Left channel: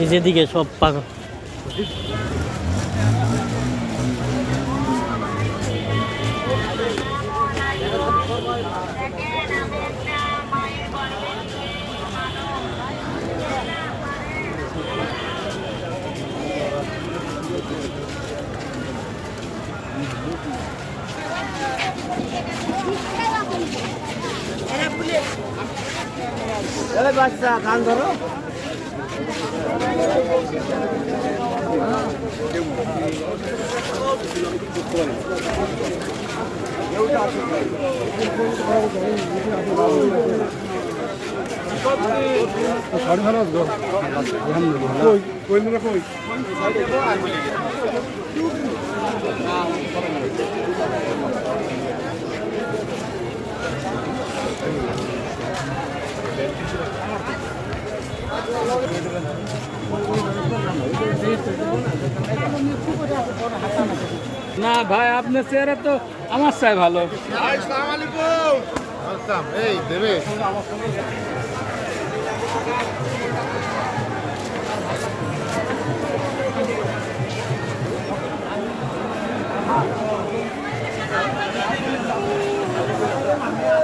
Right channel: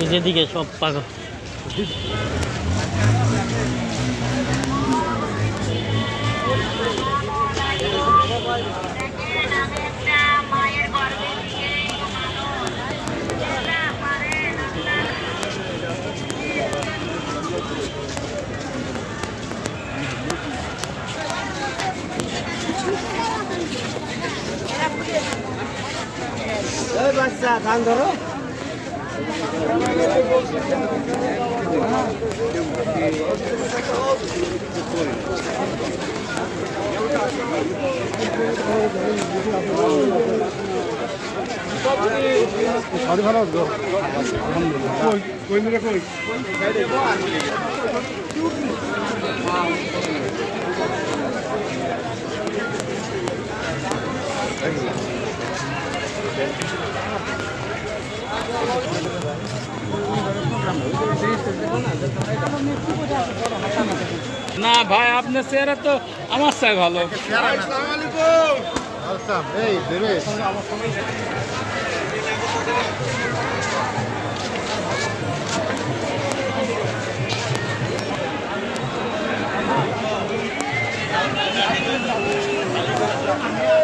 এই যেদিকে সব পাকা। বাচ্চা কান ধরো। শাড়ি ভালো আসবে কই? কই কই না ভাই আপনার চেহারা তো আমার চাই ভালো Yeah.